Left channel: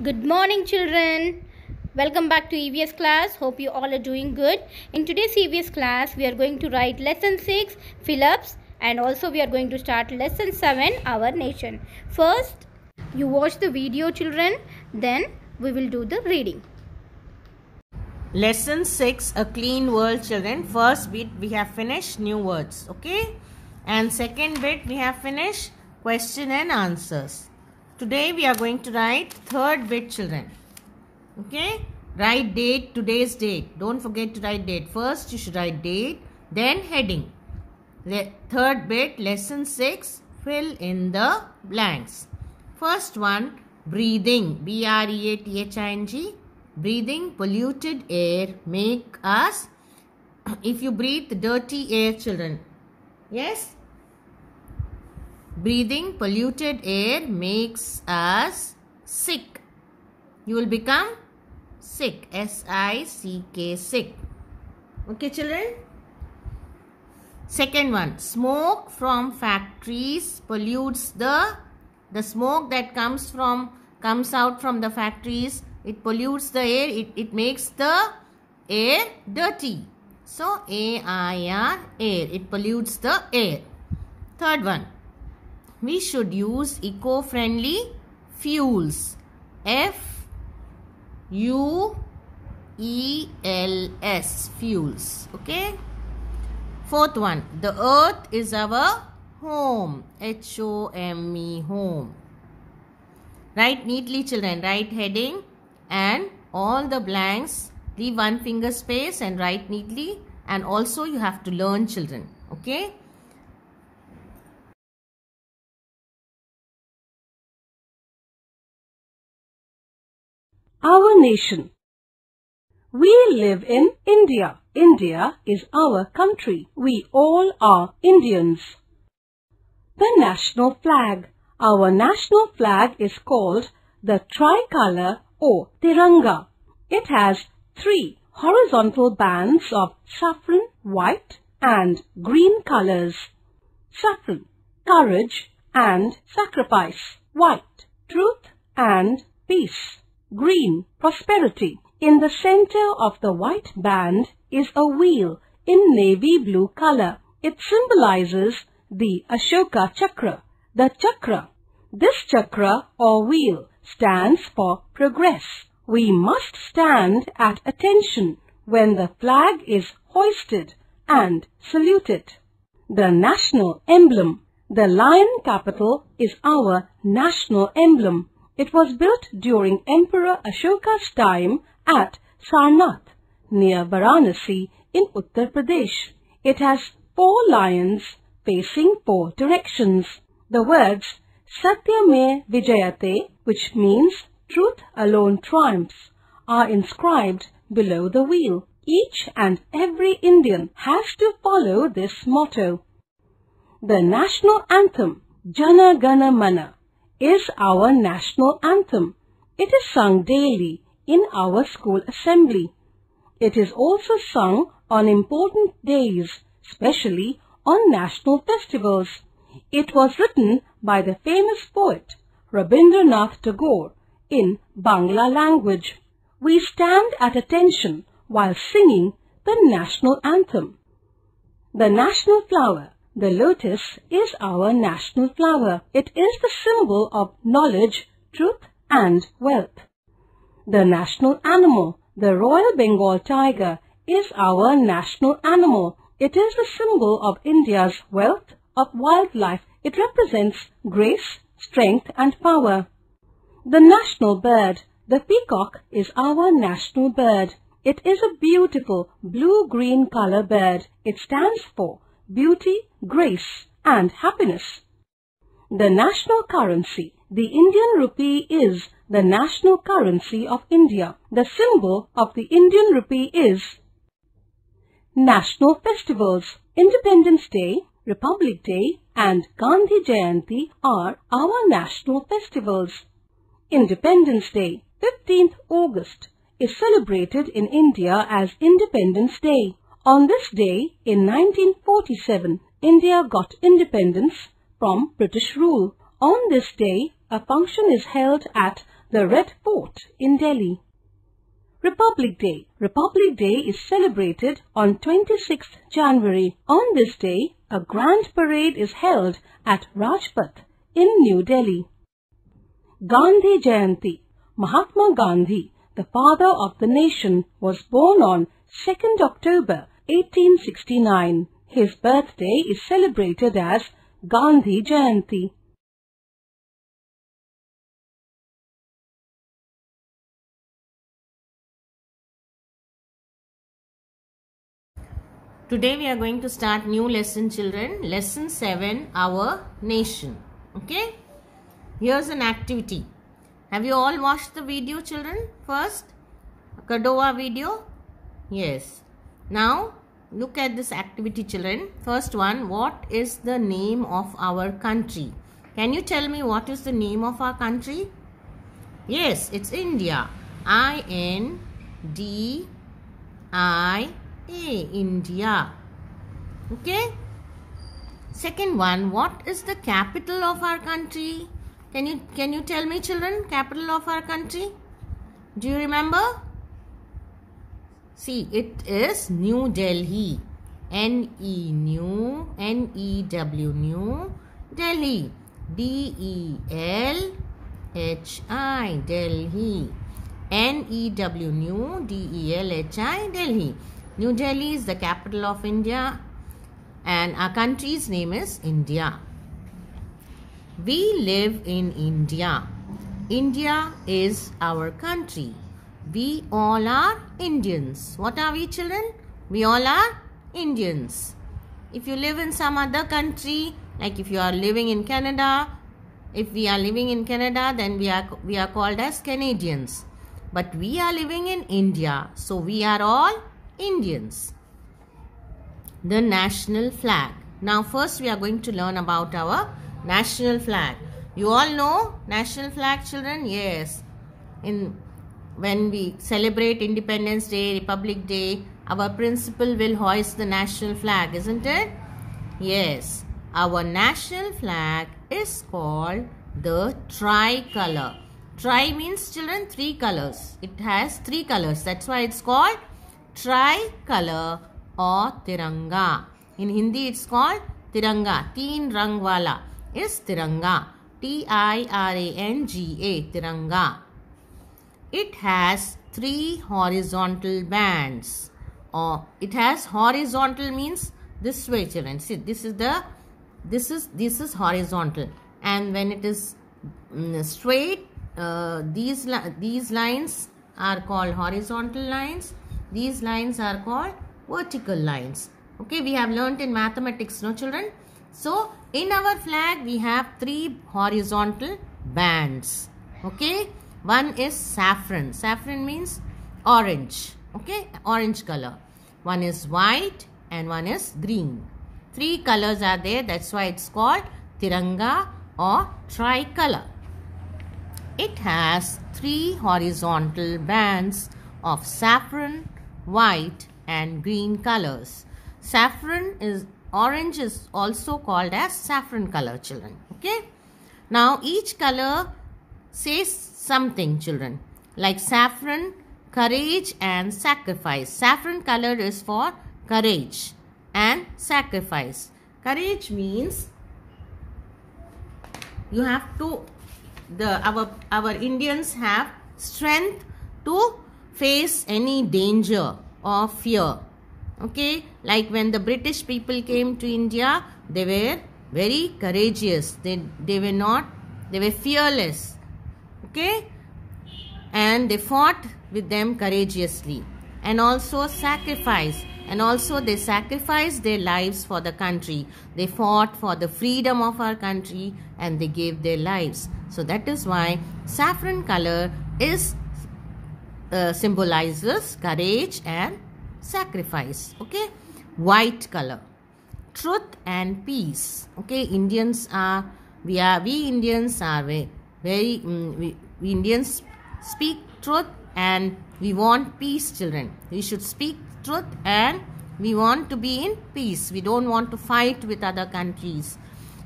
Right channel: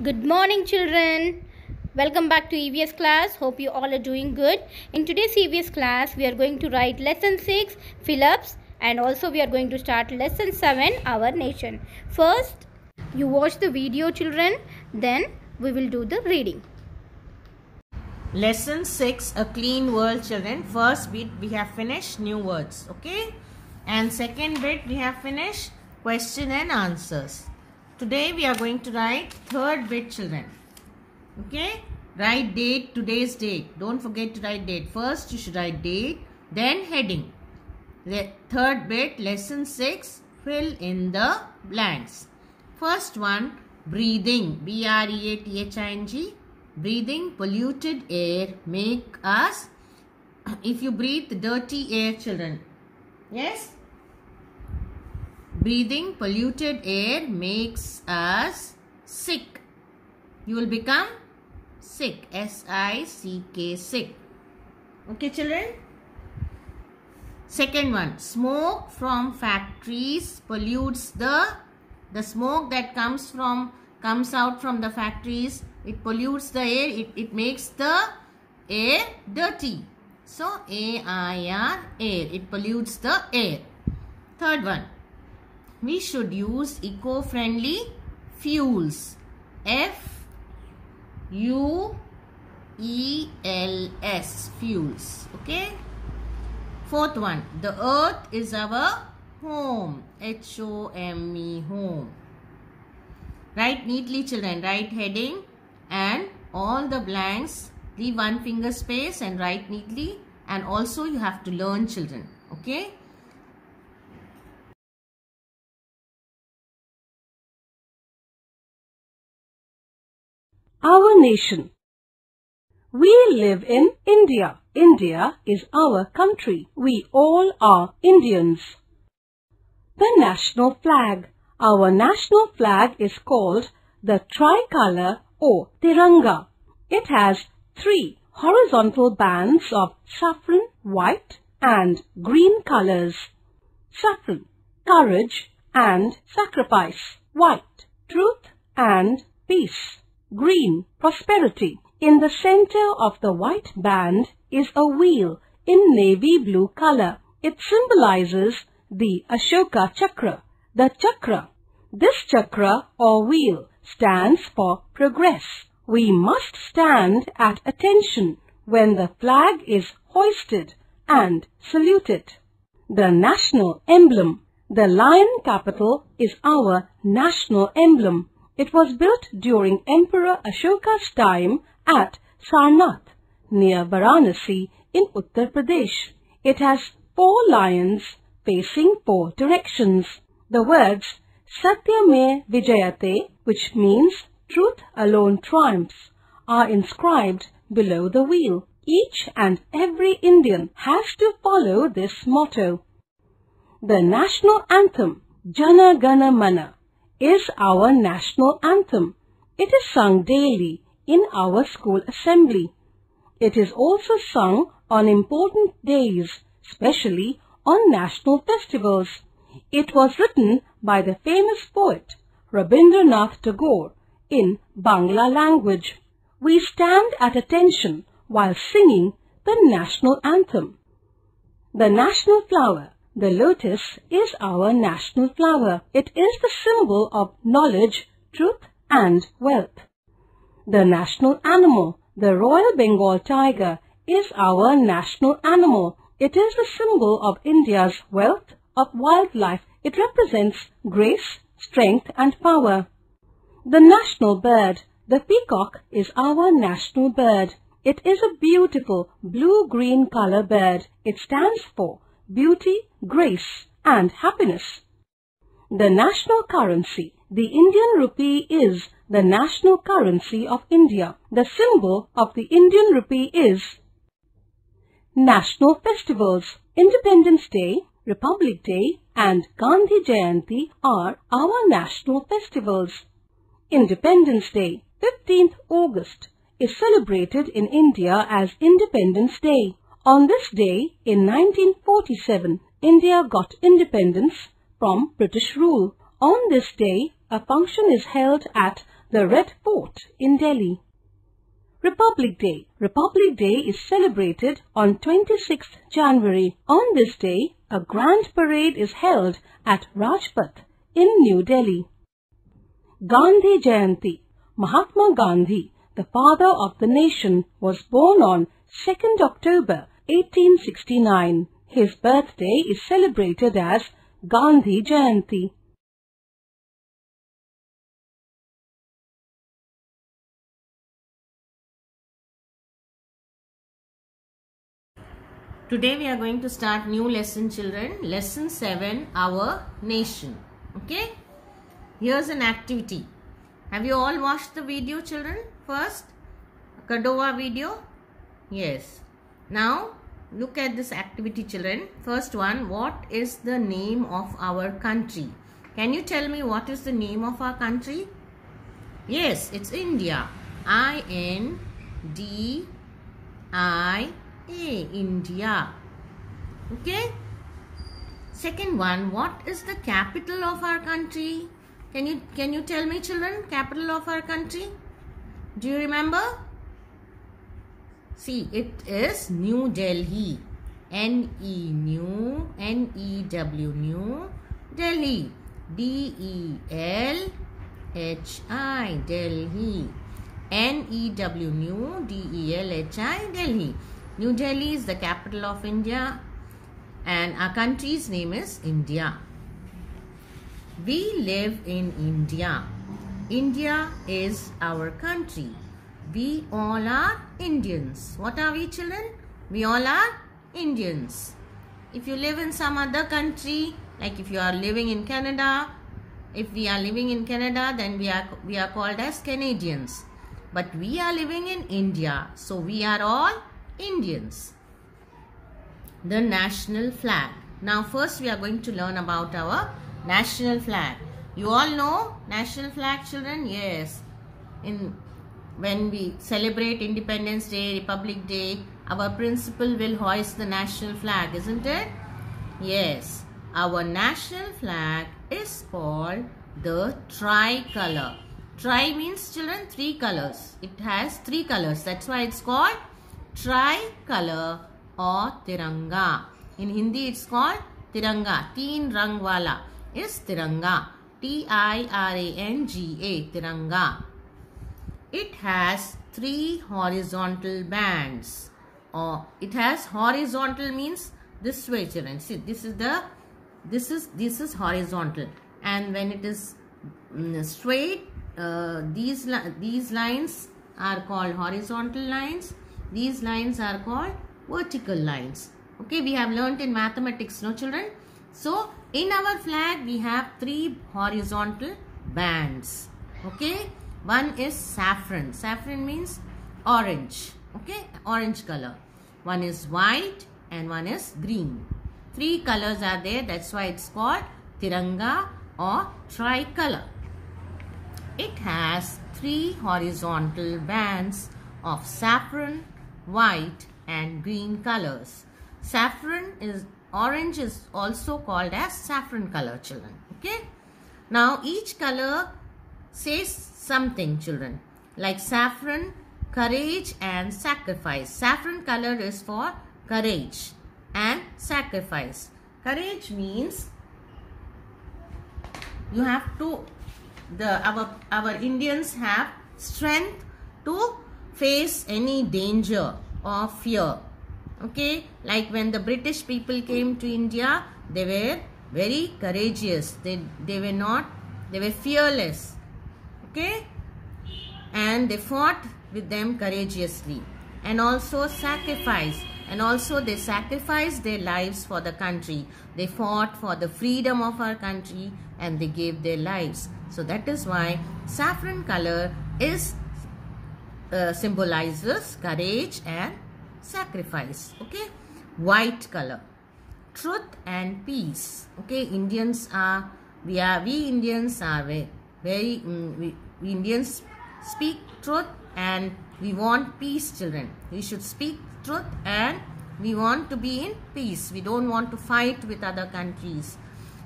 Good morning, children. Welcome back to EVS class. Hope you all are doing good. In today's EVS class, we are going to write lesson 6, fill-ups, and also we are going to start lesson 7, our nation. First, you watch the video, children. Then we will do the reading. Lesson 6, A Clean World, children. First bit we have finished new words, okay? And second bit we have finished question and answers. Today we are going to write third bit, children. Okay? Write date, today's date. Don't forget to write date. First you should write date, then heading. The third bit, lesson 6, fill in the blanks. First one, breathing. B-R-E-A-T-H-I-N-G. Breathing polluted air make us, if you breathe dirty air, children. Yes? Breathing polluted air makes us sick. You will become sick. S-I-C-K, sick. Okay, children? Second one, smoke from factories pollutes the smoke that comes out from the factories. It pollutes the air. It makes the air dirty. So, A-I-R, air. It pollutes the air. Third one. We should use eco-friendly fuels. F-U-E-L-S. Fuels. Okay. Fourth one. The earth is our home. H-O-M-E. Home. Write neatly, children. Write heading and all the blanks. Leave one finger space and write neatly. And also you have to learn, children. Okay. Our nation. We live in India. India is our country. We all are Indians. The national flag. Our national flag is called the tricolor or Tiranga. It has 3 horizontal bands of saffron, white and green colors. Saffron, courage and sacrifice. White, truth and peace. Green, prosperity. In the center of the white band is a wheel in navy blue color. It symbolizes the Ashoka Chakra. The chakra. This chakra or wheel stands for progress. We must stand at attention when the flag is hoisted and saluted. The national emblem. The lion capital is our national emblem. It was built during Emperor Ashoka's time at Sarnath, near Varanasi in Uttar Pradesh. It has 4 lions facing 4 directions. The words Satyame Vijayate, which means truth alone triumphs, are inscribed below the wheel. Each and every Indian has to follow this motto. The national anthem, Jana Gana Mana, is our national anthem. It is sung daily in our school assembly. It is also sung on important days, especially on national festivals. It was written by the famous poet Rabindranath Tagore in Bangla language. We stand at attention while singing the national anthem. The national flower, the lotus, is our national flower. It is the symbol of knowledge, truth and wealth. The national animal, the Royal Bengal tiger, is our national animal. It is the symbol of India's wealth of wildlife. It represents grace, strength and power. The national bird, the peacock, is our national bird. It is a beautiful blue-green color bird. It stands for beauty, grace and happiness. The national currency. The Indian rupee is the national currency of India. The symbol of the Indian rupee is national festivals. Independence Day, Republic Day and Gandhi Jayanti are our national festivals. Independence Day, 15th August, is celebrated in India as Independence Day. On this day, in 1947, India got independence from British rule. On this day, a function is held at the Red Fort in Delhi. Republic Day. Republic Day is celebrated on 26th January. On this day, a grand parade is held at Rajpath in New Delhi. Gandhi Jayanti. Mahatma Gandhi, the father of the nation, was born on 2nd October 1869. His birthday is celebrated as Gandhi Jayanti. Today we are going to start new lesson, children. Lesson 7, Our Nation. Okay? Here's an activity. Have you all watched the video, children? First, Kadova video? Yes. Now, look at this activity, children. First one, what is the name of our country? Can you tell me what is the name of our country? Yes, it's India. I-N-D-I India. Okay. Second one, what is the capital of our country? Can you tell me, children, capital of our country? Do you remember? See, it is New Delhi. N-E-W, New Delhi. D-E-L-H-I, Delhi. N-E-W, New, D-E-L-H-I, Delhi. New Delhi is the capital of India and our country's name is India. We live in India. India is our country. We all are Indians. What are we, children? We all are Indians. If you live in some other country, like if you are living in Canada, if we are living in Canada, then we are called as Canadians. But we are living in India, so we are all Indians. The national flag. Now first we are going to learn about our national flag. You all know national flag, children? Yes. When we celebrate Independence Day, Republic Day, our principal will hoist the national flag, isn't it? Yes. Our national flag is called the tricolor. Tri means, children, 3 colors. It has 3 colors. That's why it's called tricolor or Tiranga. In Hindi it's called Tiranga. Teen rang wala is Tiranga. T-I-R-A-N-G-A, Tiranga. It has 3 horizontal bands. Or it has horizontal means this way, children. See, this is horizontal. And when it is straight, these lines are called horizontal lines. These lines are called vertical lines. Okay, we have learnt in mathematics, no, children? So, in our flag, we have 3 horizontal bands. Okay, one is saffron. Saffron means orange. Okay, orange color. One is white and one is green. 3 colors are there. That's why it's called Tiranga or tricolor. It has 3 horizontal bands of saffron, white and green colors. Orange is also called as saffron color, children. Okay. Now each color says something, children. Like saffron, courage and sacrifice. Saffron color is for courage and sacrifice. Courage means you have to, our Indians have strength to face any danger or fear. Okay, like when the British people came to India, they were very courageous. They were fearless. Okay, and they fought with them courageously. And also sacrifice. And also they sacrificed their lives for the country. They fought for the freedom of our country and they gave their lives. So that is why saffron color is symbolizes courage and sacrifice. Okay, white color, truth and peace. Okay, we Indians are we Indians speak truth and we want peace, children. We should speak truth and we want to be in peace. We don't want to fight with other countries.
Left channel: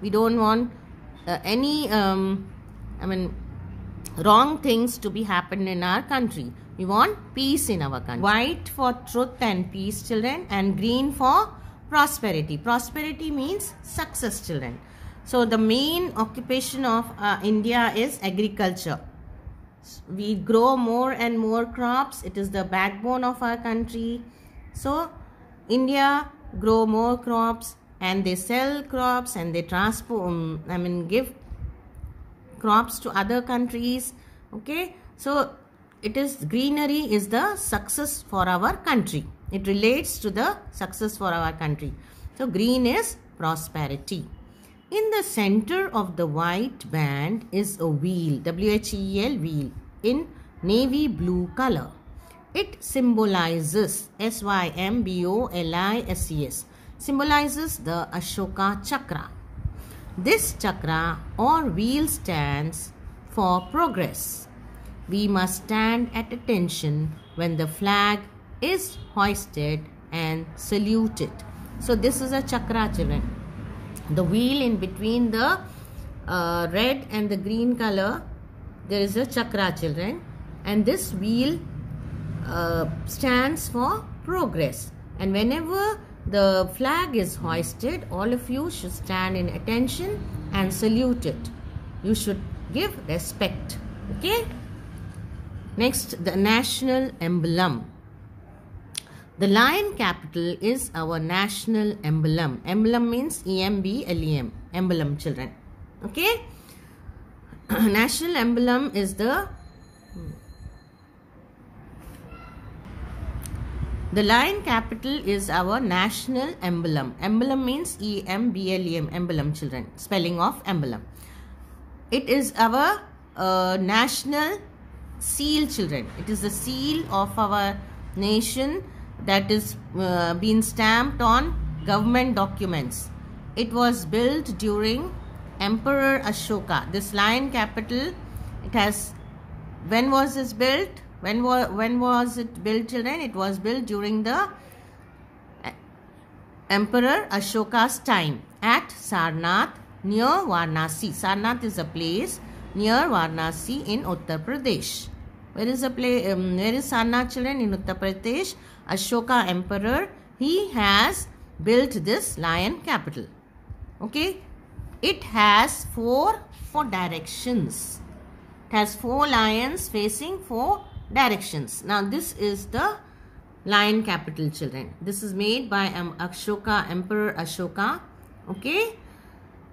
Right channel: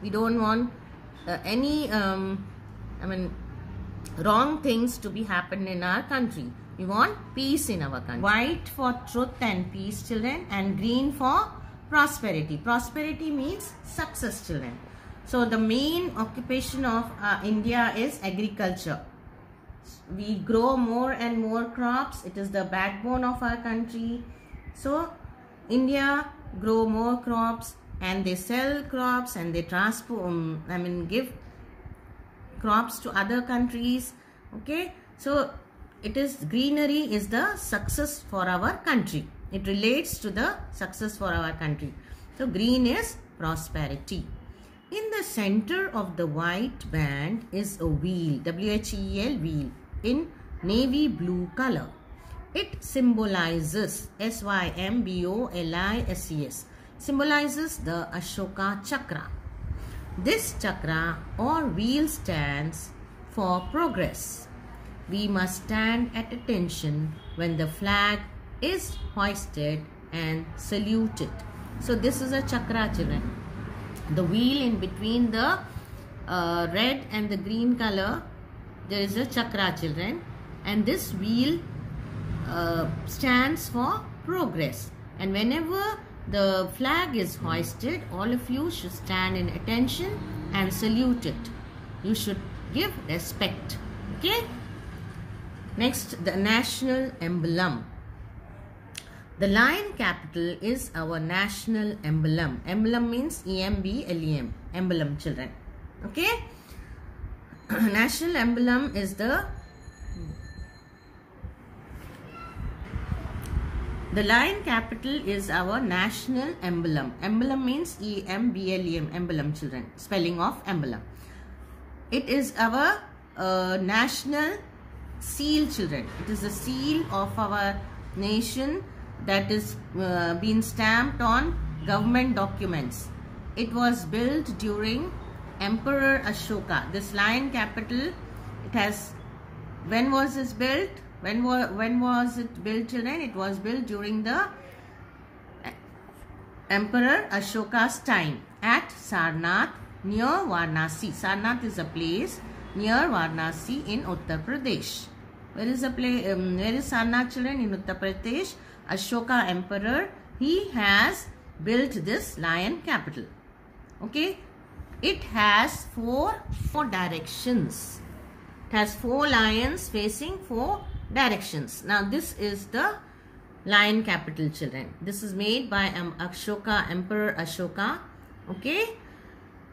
We don't want any wrong things to be happen in our country. We want peace in our country. White for truth and peace, children, and green for prosperity. Prosperity means success, children. So the main occupation of India is agriculture. We grow more and more crops. It is the backbone of our country. So India grow more crops and they sell crops and they transport, give crops to other countries. Okay, so it is greenery is the success for our country. It relates to the success for our country. So green is prosperity. In the center of the white band is a wheel, W-H-E-L, wheel, in navy blue color. It symbolizes, S-Y-M-B-O-L-I-S-E-S, symbolizes the Ashoka Chakra. This chakra or wheel stands for progress. We must stand at attention when the flag is hoisted and saluted. So this is a chakra, children. The wheel in between the red and the green color, there is a chakra, children, and this wheel stands for progress. And whenever the flag is hoisted, all of you should stand in attention and salute it. You should give respect. Okay. Next, the national emblem. The lion capital is our national emblem. Emblem means E-M-B-L-E-M. Emblem, children. Okay. National emblem is the lion capital is our national emblem. Emblem means E-M-B-L-E-M. Emblem, children. Spelling of emblem. It is our national seal, children. It is the seal of our nation that is been stamped on government documents. It was built during Emperor Ashoka. This lion capital, it has, when was this built? When was it built, children? It was built during the Emperor Ashoka's time at Sarnath near Varanasi. Sarnath is a place near Varanasi in Uttar Pradesh. Where is the place? Where is Sarnath, children? In Uttar Pradesh. Ashoka Emperor, he has built this lion capital. Okay. It has four directions. It has 4 lions facing 4 directions. Now this is the lion capital, children. This is made by Ashoka, Emperor Ashoka. Okay.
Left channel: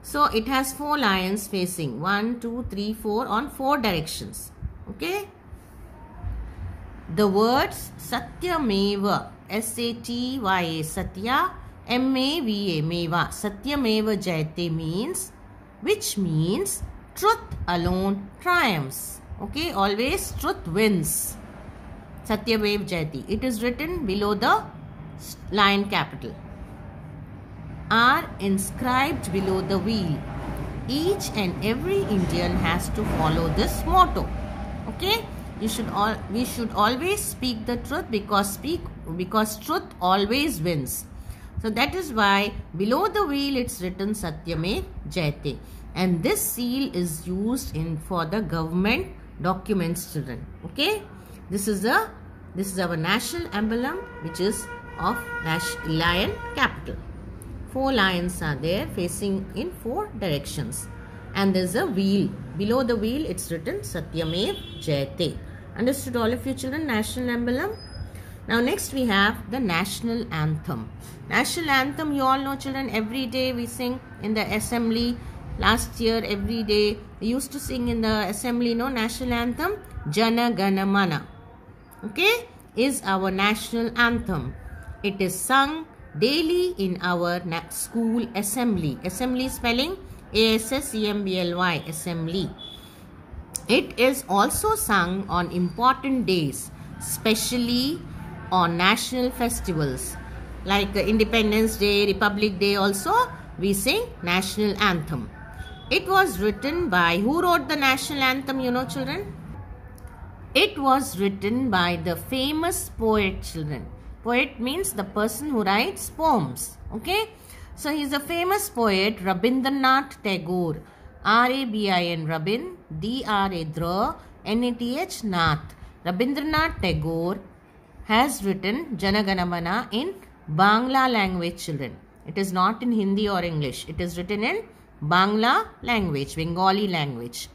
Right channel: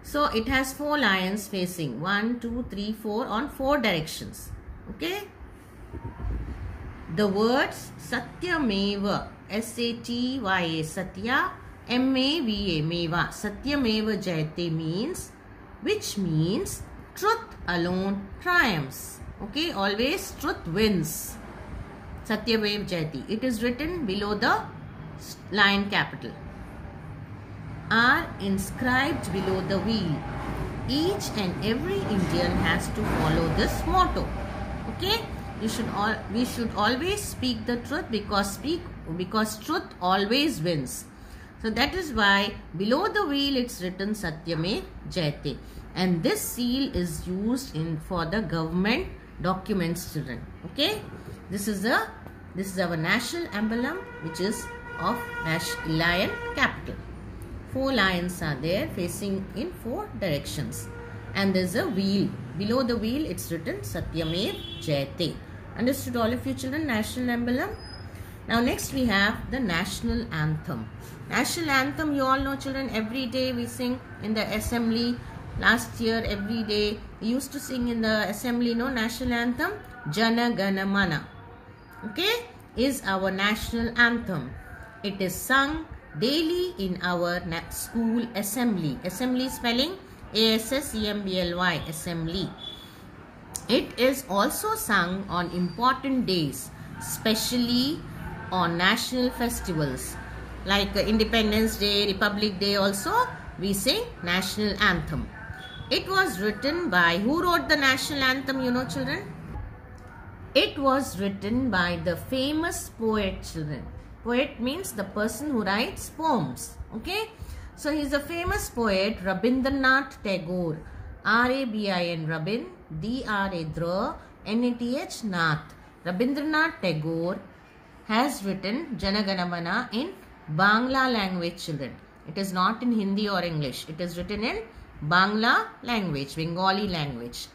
So it has 4 lions facing 1, 2, 3, 4 on 4 directions. Okay. The words Satyameva, S-A-T-Y-A, Satya, M-A-V-A, Meva, Satyameva Jayate means, which means truth alone triumphs. Okay, always truth wins. Satyameva Jayate. It is written below the lion capital. Are inscribed below the wheel. Each and every Indian has to follow this motto. Okay. We should always speak the truth because truth always wins. So that is why below the wheel it's written Satyamev Jayate, and this seal is used for the government documents, children. Okay, this is our national emblem, which is of lion capital. 4 lions are there facing in 4 directions, and there is a wheel. Below the wheel it's written Satyamev Jayate. Understood, all of you children? National emblem. Now next we have the national anthem. National anthem, you all know, children, every day we sing in the assembly. Last year every day we used to sing in the assembly, national anthem. Jana Gana Mana, okay, is our national anthem. It is sung daily in our school assembly. Assembly spelling A-S-S-E-M-B-L-Y, assembly. It is also sung on important days, especially on national festivals like Independence Day, Republic Day. Also we sing national anthem. It was written by, who wrote the national anthem, children? It was written by the famous poet, children. Poet means the person who writes poems. Okay, so he is a famous poet, Rabindranath Tagore. R-A-B-I-N, Rabin, D-R-A-Dra, N-A-T-H, Nath. Rabindranath Tagore has written Jana Gana Mana in Bangla language, children. It is not in Hindi or English. It is written in Bangla language, Bengali language.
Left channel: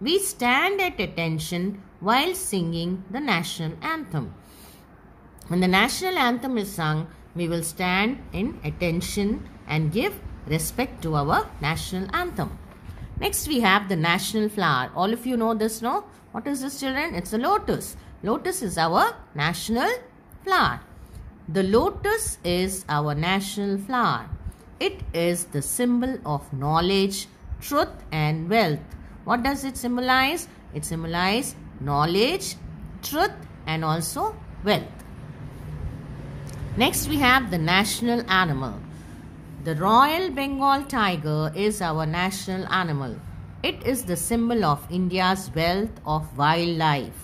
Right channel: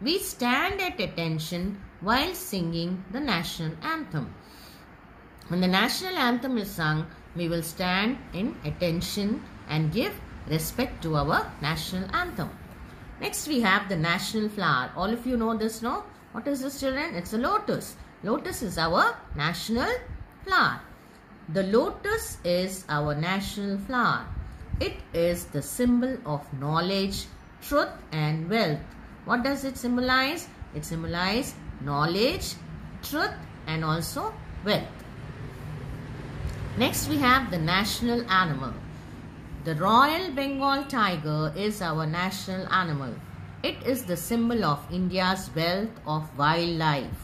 We stand at attention while singing the national anthem. When the national anthem is sung, we will stand in attention and give respect to our national anthem. Next we have the national flower. All of you know this, no? What is this, children? It's a lotus. Lotus is our national flower. The lotus is our national flower. It is the symbol of knowledge, truth and wealth. What does it symbolize? It symbolizes knowledge, truth and also wealth. Next we have the national animal. The Royal Bengal tiger is our national animal. It is the symbol of India's wealth of wildlife.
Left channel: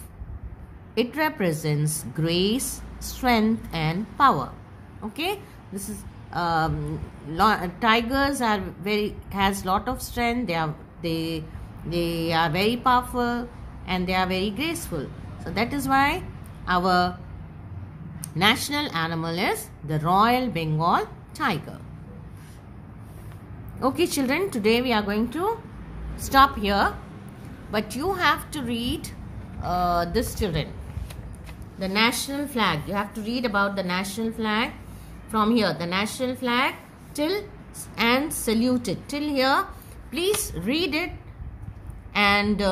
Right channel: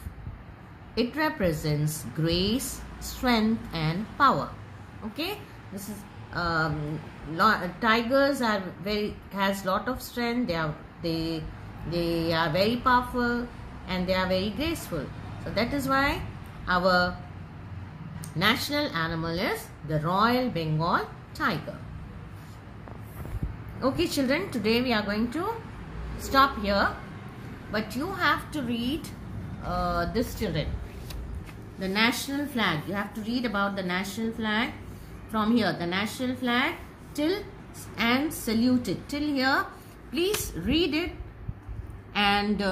It represents grace, strength and power. Okay, this is tigers has lot of strength. They are very powerful and they are very graceful. So that is why our national animal is the Royal Bengal tiger. Okay, children, today we are going to stop here, but you have to read this, children. The national flag. You have to read about the national flag from here. The national flag till and salute it. Till here, please read it and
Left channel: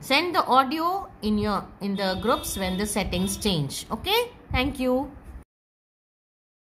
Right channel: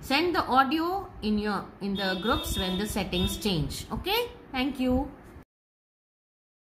send the audio in the groups when the settings change. Okay? Thank you.